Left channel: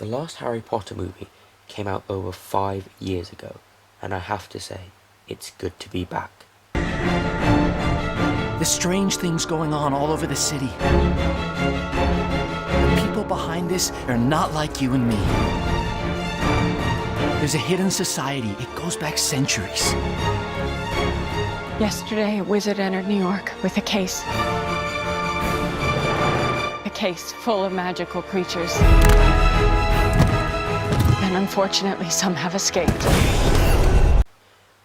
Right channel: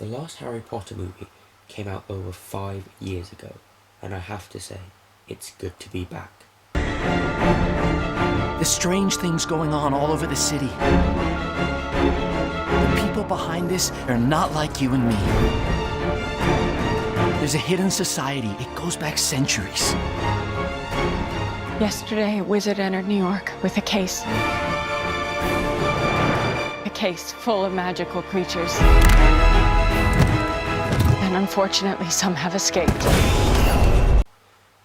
The last Harry Potter movie came out over 5 years ago, and I have to say, it's good to be back. There's strange things going on all over the city. The people behind this are not like you and me. There's a hidden society. It goes back centuries. Yesterday, a wizard entered New York with a case. A case full of magical creatures. And unfortunately, some have escaped.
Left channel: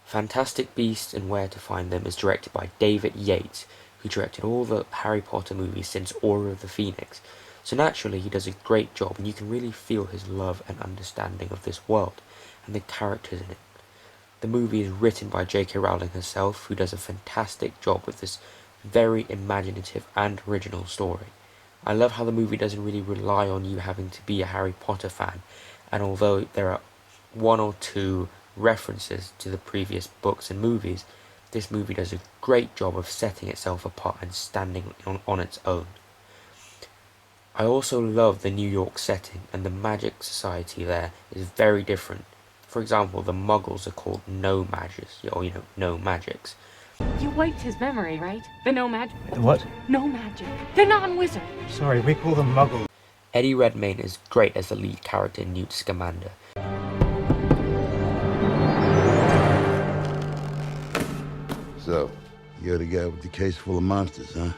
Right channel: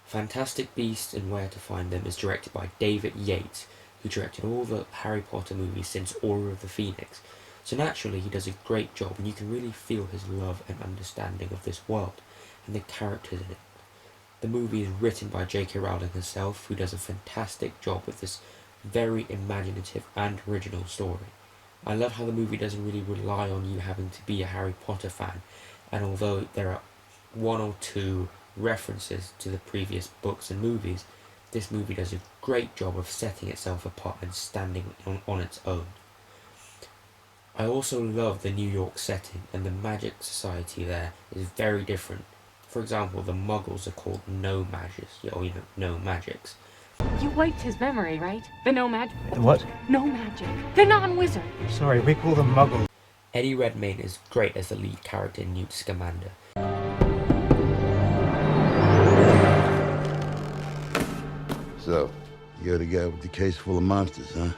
Fantastic Beasts and Where to Find Them is directed by David Yates, who directed all the Harry Potter movies since Order of the Phoenix. So naturally, he does a great job, and you can really feel his love and understanding of this world and the characters in it. The movie is written by J.K. Rowling herself, who does a fantastic job with this very imaginative and original story. I love how the movie doesn't really rely on you having to be a Harry Potter fan, and although there are one or two references to the previous books and movies, this movie does a great job of setting itself apart and standing on its own. I also love the New York setting, and the magic society there is very different. For example, the Muggles are called no-magics, or no-magics. You wiped his memory, right? The no magic. The what? No magic. The non-wizard. Sorry, we call them Muggles. Eddie Redmayne is great as the lead character, Newt Scamander. So, you're the guy with the case full of monsters, huh?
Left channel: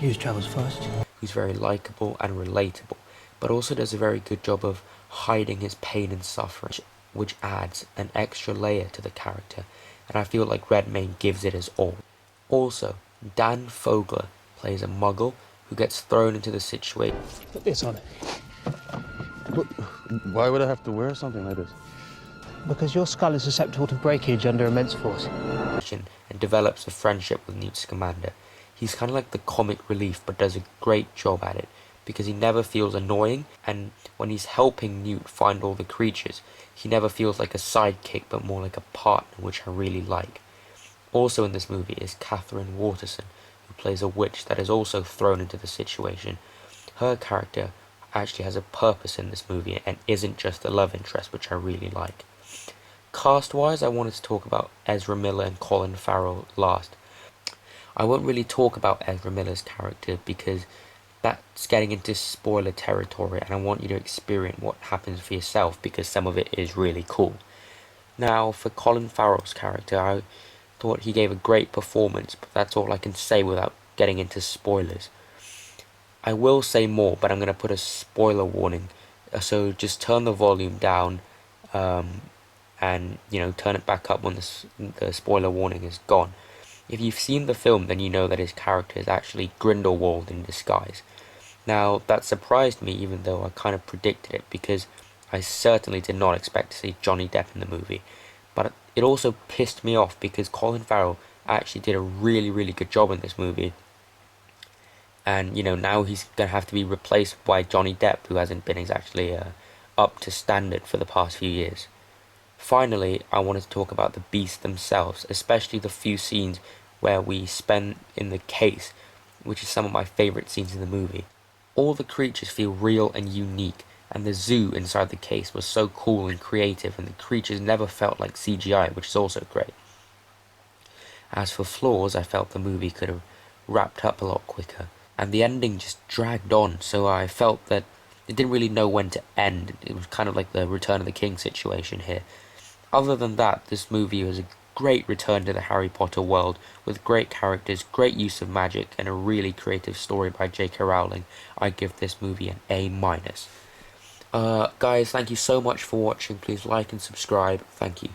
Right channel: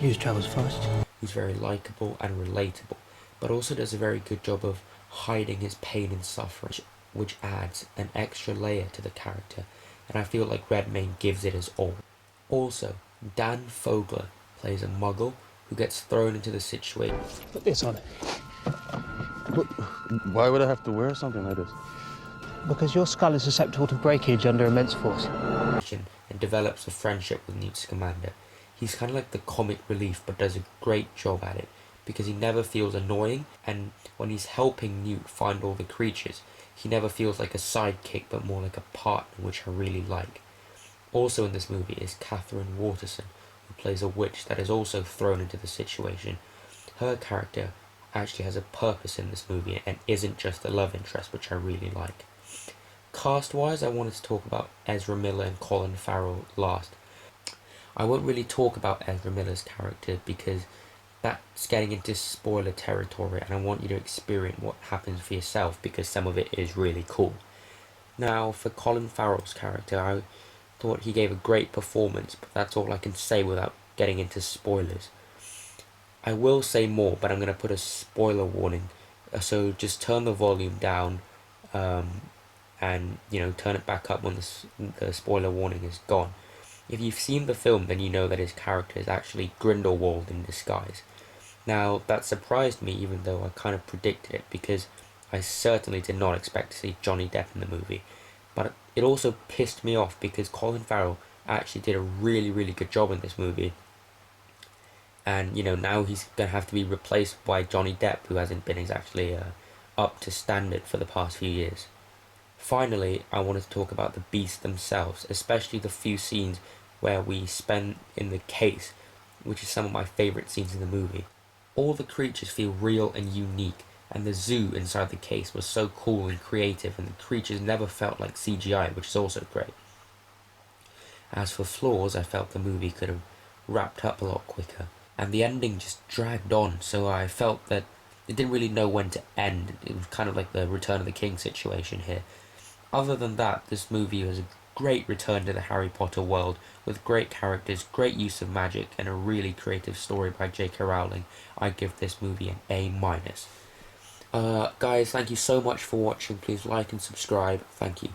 News travels fast. Who's very likeable and relatable, but also does a very good job of hiding his pain and suffering, which adds an extra layer to the character, and I feel like Redmayne gives it his all. Also, Dan Fogler plays a Muggle who gets thrown into the situation. Put this on it. But why would I have to wear something like this? Because your skull is susceptible to breakage under immense force. And develops a friendship with Newt Scamander. He's kind of like the comic relief, but does a great job at it, because he never feels annoying, and when he's helping Newt find all the creatures, he never feels like a sidekick, but more like a partner, which I really like. Also in this movie is Catherine Waterston, who plays a witch that is also thrown into the situation. Her character actually has a purpose in this movie and isn't just a love interest, which I really like. Cast-wise, I wanted to talk about Ezra Miller and Colin Farrell last. I won't really talk about Ezra Miller's character because that's getting into spoiler territory, and I want you to experience what happens for yourself because some of it is really cool. Now, for Colin Farrell's character, I thought he gave a great performance, but that's all I can say without getting into spoilers. I will say more, but I'm going to put a spoiler warning, so just turn the volume down and turn it back up when the spoiler warning is gone. If you've seen the film, then you know that his character is actually Grindelwald in disguise. Now, that surprised me, even though I kind of predicted it, because I certainly did not expect to see Johnny Depp in the movie. But it also pissed me off because Colin Farrell actually did a really, really good job in this movie. And, now he's going to have to be replaced by Johnny Depp, who hasn't been exactly up to standard for the past few years. Finally, I wanted to talk about the beasts themselves, especially the few scenes where we spend in the case, which is some of my favourite scenes in the movie. All the creatures feel real and unique, and the zoo inside the case was so cool and creative, and the creatures never felt like CGI, which is also great. As for flaws, I felt the movie could have wrapped up a lot quicker, and the ending just dragged on, so I felt that it didn't really know when to end. It was kind of like the Return of the King situation here. Other than that, this movie was a great return to the Harry Potter world, with great characters, great use of magic, and a really creative story by J.K. Rowling. I give this movie an A-. Guys, thank you so much for watching. Please like and subscribe. Thank you.